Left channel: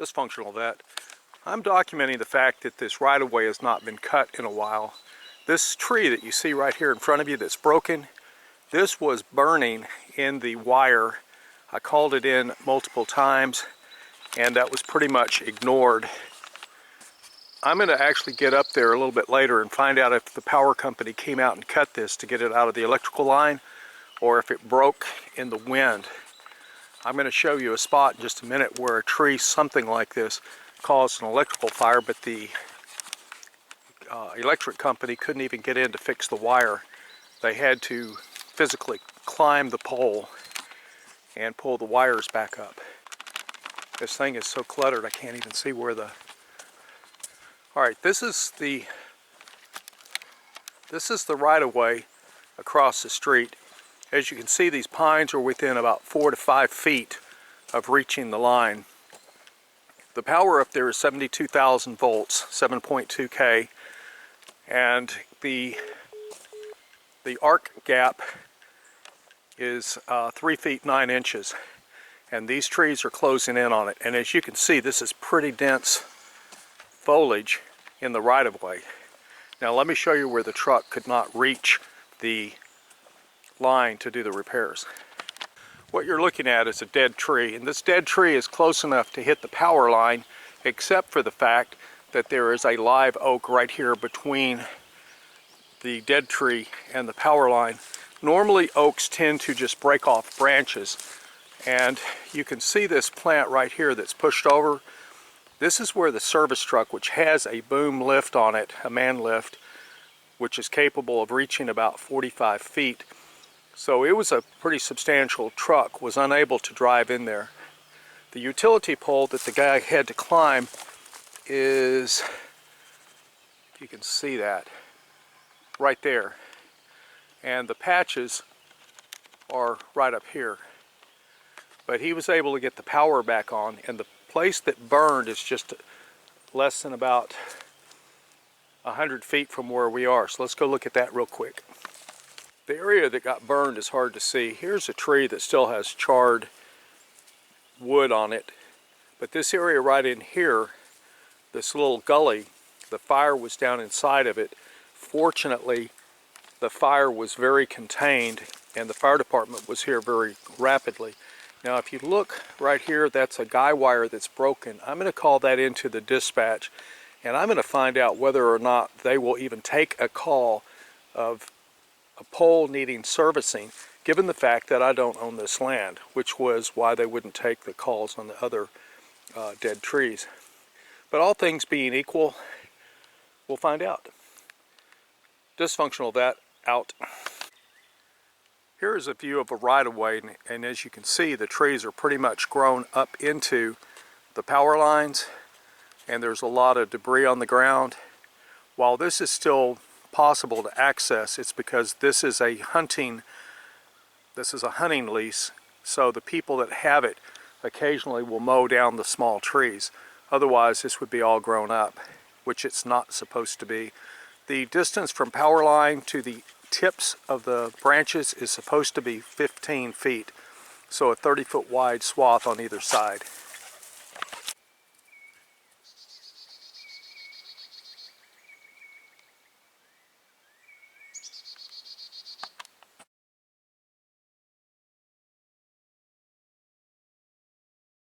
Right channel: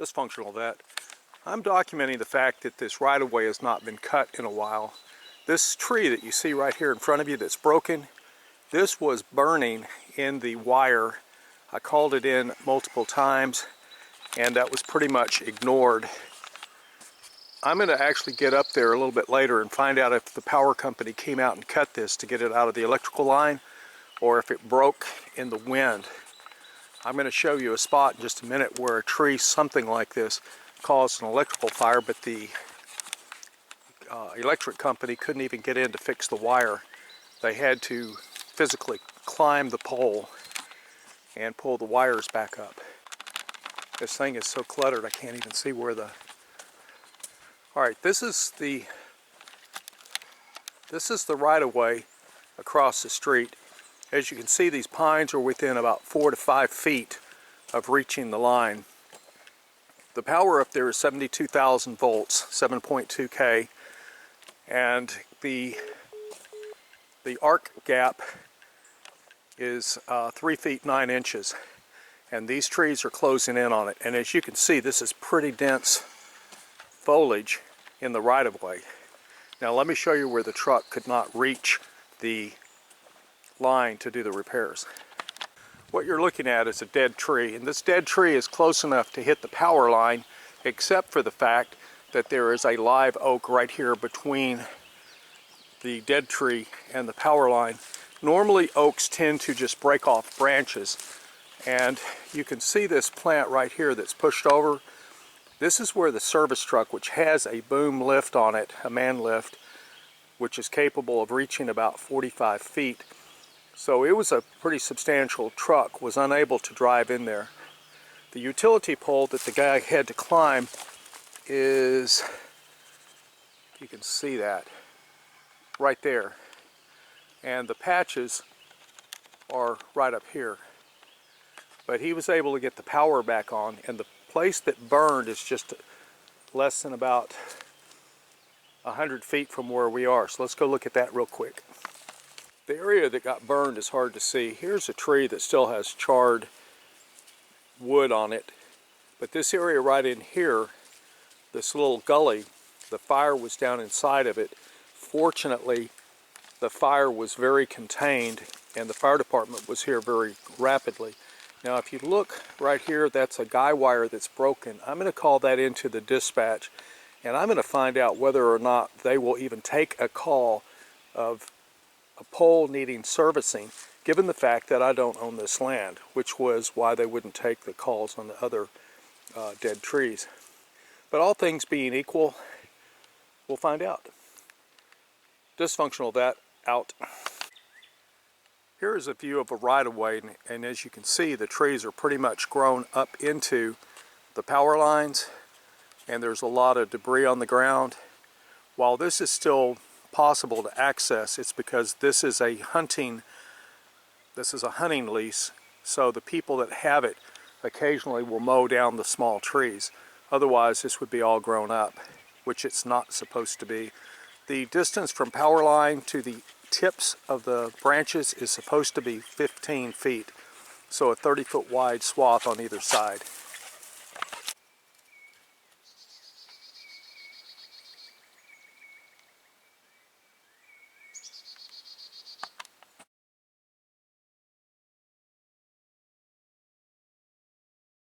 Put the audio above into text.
dysfunctional vet. I'm documenting the fact that this right-of-way has not been cut in a while. This tree that you see right here in front of you that's broken, this was burning in the wire. I called it in multiple times and that was pretty much ignored. I'm going to actually get up there a little bit later and find out if the power company came out and cut this to get it out of the electrical line or if it broke in the wind. I'm going to show you a spot in just a minute where a tree, something like this, caused an electrical fire, but the electric company couldn't even get in to fix the wire. They had to physically climb the pole and pull the wires back up. This thing is so cluttered I can't even see where the... Alright, this is the right-of-way across the street. As you can see, these pines are within about 4 to 5 feet of reaching the line. The power up there is 72,000 volts, 7.2K, and the arc gap is 3 feet 9 inches, and these trees are closing in on it. And as you can see, this is pretty dense foliage in the right-of-way. Now let me show you where the truck could not reach the line to do the repairs. What you're looking at is a dead tree, and this dead tree is close enough to hit the power line, except for the fact that there is a live oak right here between the dead tree and the power line. Normally oaks tend to just break off branches, and you can see this plant right here that's pushed over. This is where the service truck, which has a boom lift on it, a man lift, which is capable of reaching about 45 feet. So it was a pretty substantial truck, was unable to drive in there. The utility pole that the guy had to climb is, you can see that, right there. And the patches are right up here. But he was able to get the power back on, and the place that burned is just less than about 100 feet from where we are. So let's go look at that real quick. The area that got burned is hard to see. Here's a tree that still has charred wood on it. But this area right in here, this little gully, the fire was down inside of it. Fortunately, the fire was very contained and the fire department was here very rapidly. Now if you look right here, that's a guy wire that's broken. I'm going to call that into the dispatch, and I'm going to find out whether or not they will even take a call of a pole needing servicing, given the fact that I don't own this land, which was why they wouldn't take the calls on the other dead trees. But all things being equal, we'll find out. Dysfunctional vet out. Here is a view of a right-of-way, and as you can see, the trees are pretty much grown up into the power lines, and there's a lot of debris on the ground. While this is still possible to access, it's because this is a hunting lease, so the people that have it occasionally will mow down the small trees. Otherwise this would be all grown up, which it's not supposed to be. The distance from power line to the tips of the branches is supposed to be 15 feet, so a 30-foot wide swath on either side.